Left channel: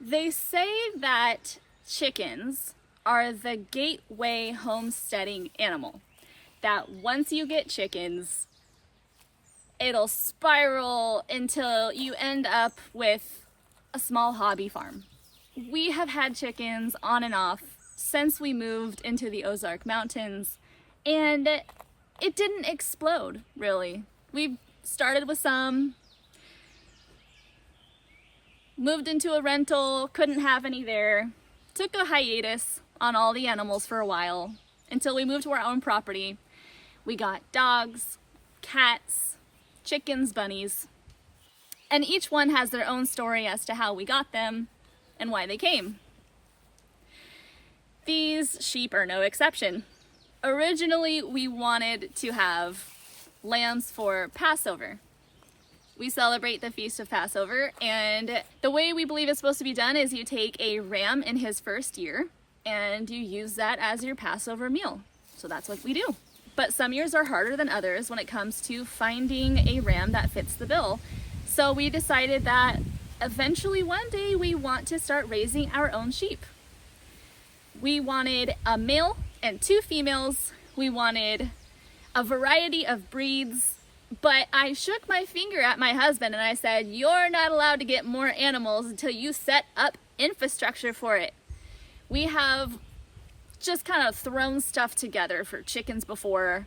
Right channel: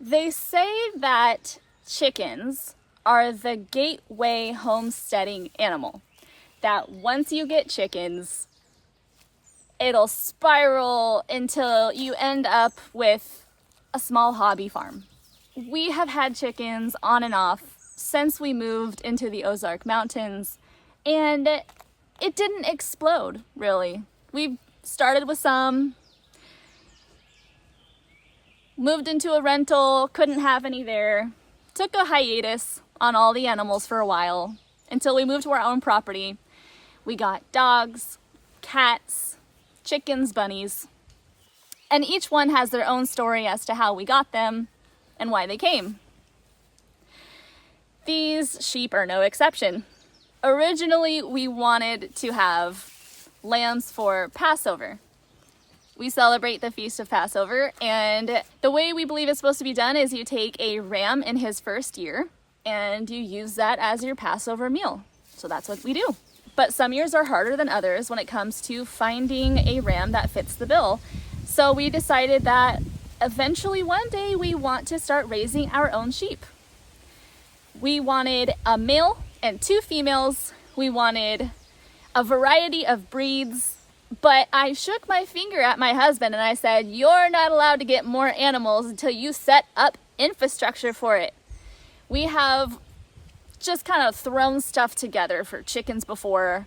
They say that chickens are the gateway homesteading animal. That once you get chickens, it'll spiral until you end up with a small hobby farm. We have had chickens on and off since we moved into the Ozark Mountains, and it didn't explode, really. We started with some, moved into a rental, couldn't have any there, took a hiatus on all the animals for a while until we moved to our own property. We got dogs, cats, chickens, bunnies, and each one has their own story as to how we got them and why they came. These sheep are no exception. Originally, we wanted to have lambs for Passover. We celebrate the Feast of Passover, and the way we believe it's supposed to be done is you take a ram in his first year and you use that as your Passover meal. So that's what we do. But some years are harder than others when it comes to finding a ram that fits the bill. So we decided that eventually one day we want to start raising our own sheep. We wanted a male and 2 females. We wanted a variety of breeds. But I shook my finger at my husband and I said, "You're not allowed to get more animals until you set up infrastructure for it." We have just kind of thrown stuff together for chickens before,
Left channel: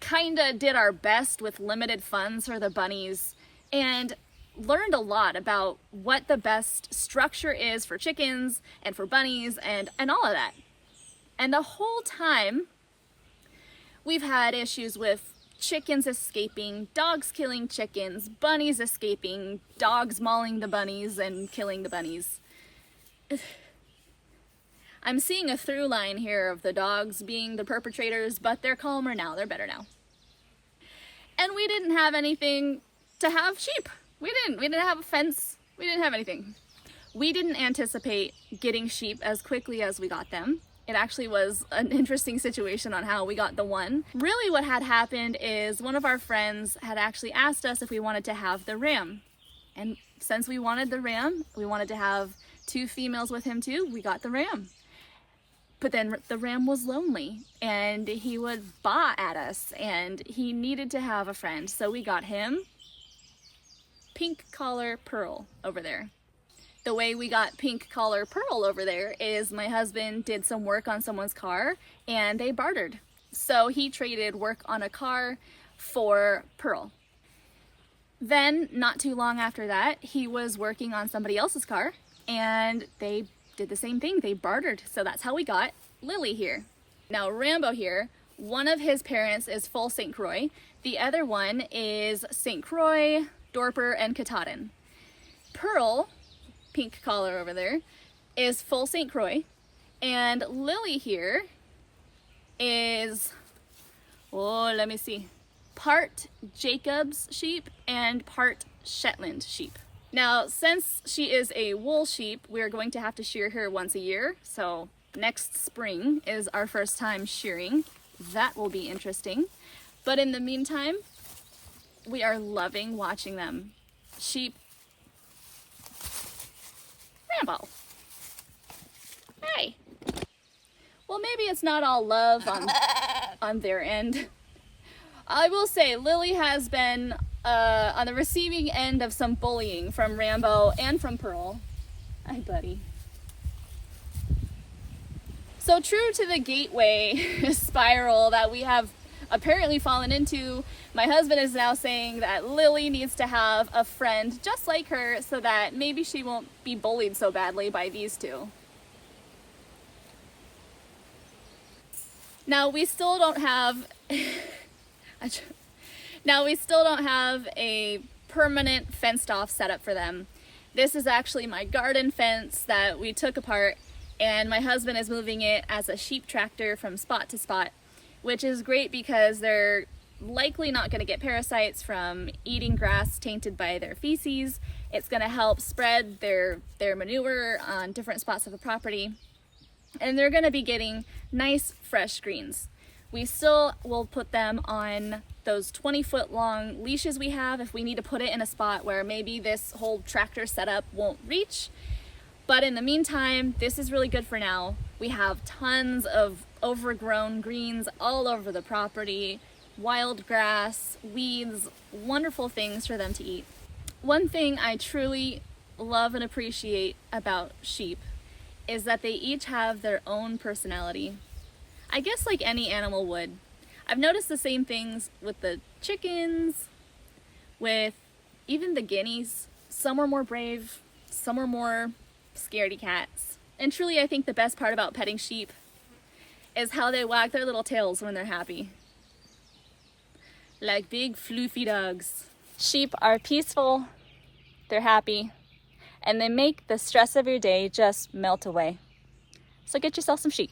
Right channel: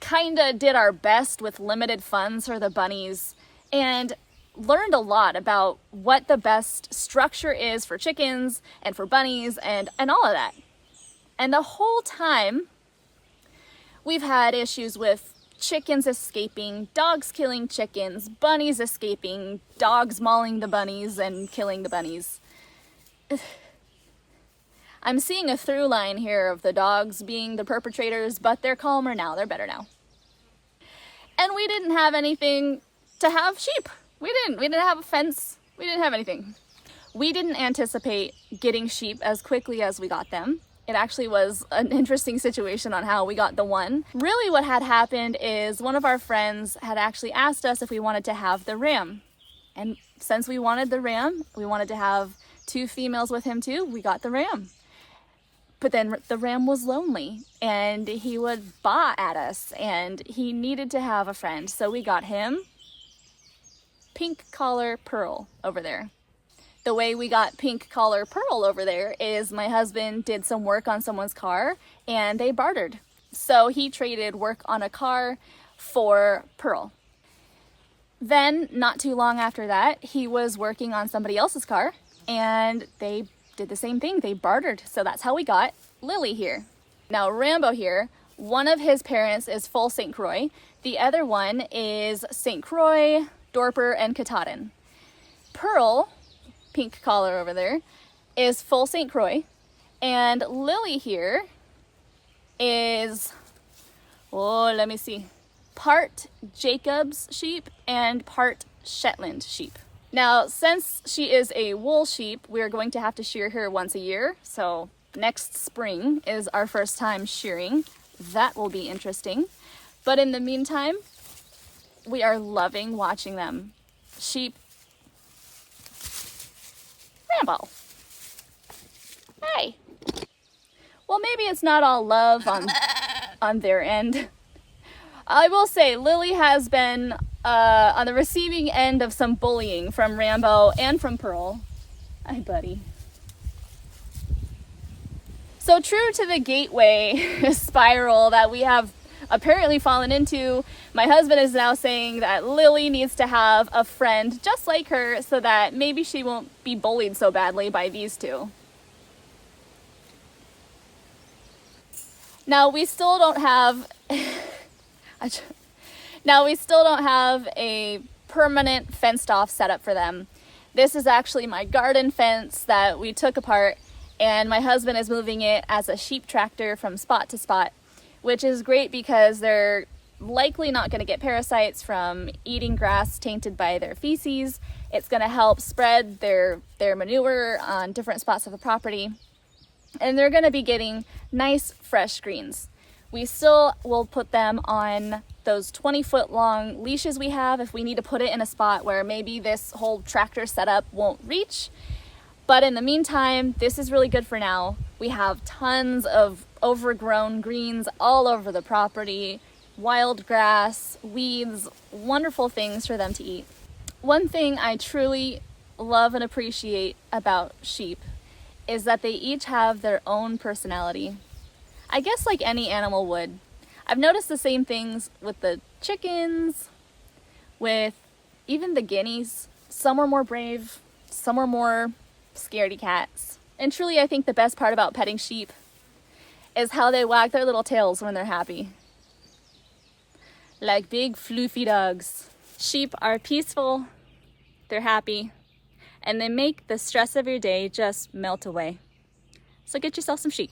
kind of did our best with limited funds for the bunnies, and learned a lot about what the best structure is for chickens and for bunnies and all of that. And the whole time, we've had issues with chickens escaping, dogs killing chickens, bunnies escaping, dogs mauling the bunnies and killing the bunnies. I'm seeing a through line here of the dogs being the perpetrators, but they're calmer now, they're better now. And we didn't have anything to have sheep. We didn't have a fence, we didn't have anything. We didn't anticipate getting sheep as quickly as we got them. It actually was an interesting situation on how we got the one. Really what had happened is one of our friends had actually asked us if we wanted to have the ram. And since we wanted the ram, we wanted to have 2 females with him too, we got the ram. But then the ram was lonely and he would baa at us and he needed to have a friend. So we got him, Pink Collar Pearl over there. The way we got Pink Collar Pearl over there is my husband did some work on someone's car and they bartered. So he traded work on a car for Pearl. Then, not too long after that, he was working on somebody else's car and they did the same thing. They bartered. So that's how we got Lily here. Now, Rambo here, one of his parents is full St. Croix. The other one is St. Croix, Dorper, and Katahdin. Pearl, Pink Collar over there, is full St. Croix, and Lily here is, let me see, part Jacob's sheep and part Shetland sheep. Now, since she is a wool sheep, we're going to have to shear her once a year, so next spring is our first time shearing. That will be interesting. But in the meantime, we are loving watching them. Sheep. Rambo. Hi. Well, maybe it's not all love on their end. I will say Lily has been on the receiving end of some bullying from Rambo and from Pearl. Hi, buddy. So true to the gateway spiral that we have apparently fallen into, my husband is now saying that Lily needs to have a friend just like her so that maybe she won't be bullied so badly by these 2. Now we still don't have a permanent fenced off setup for them. This is actually my garden fence that we took apart, and my husband is moving it as a sheep tractor from spot to spot, which is great because they're likely not going to get parasites from eating grass tainted by their feces. It's going to help spread their manure on different spots of the property. And they're going to be getting nice fresh greens. We still will put them on those 20-foot long leashes we have if we need to put it in a spot where maybe this whole tractor setup won't reach. But in the meantime, this is really good for now. We have tons of overgrown greens all over the property, wild grass, weeds, wonderful things for them to eat. One thing I truly love and appreciate about sheep is that they each have their own personality. I guess like any animal would. I've noticed the same things with the chickens, with even the guineas. Some are more brave, some are more scaredy cats. And truly, I think the best part about petting sheep is how they wag their little tails when they're happy. Like big floofy dogs. Sheep are peaceful, they're happy, and they make the stress of your day just melt away. So get yourself some sheep.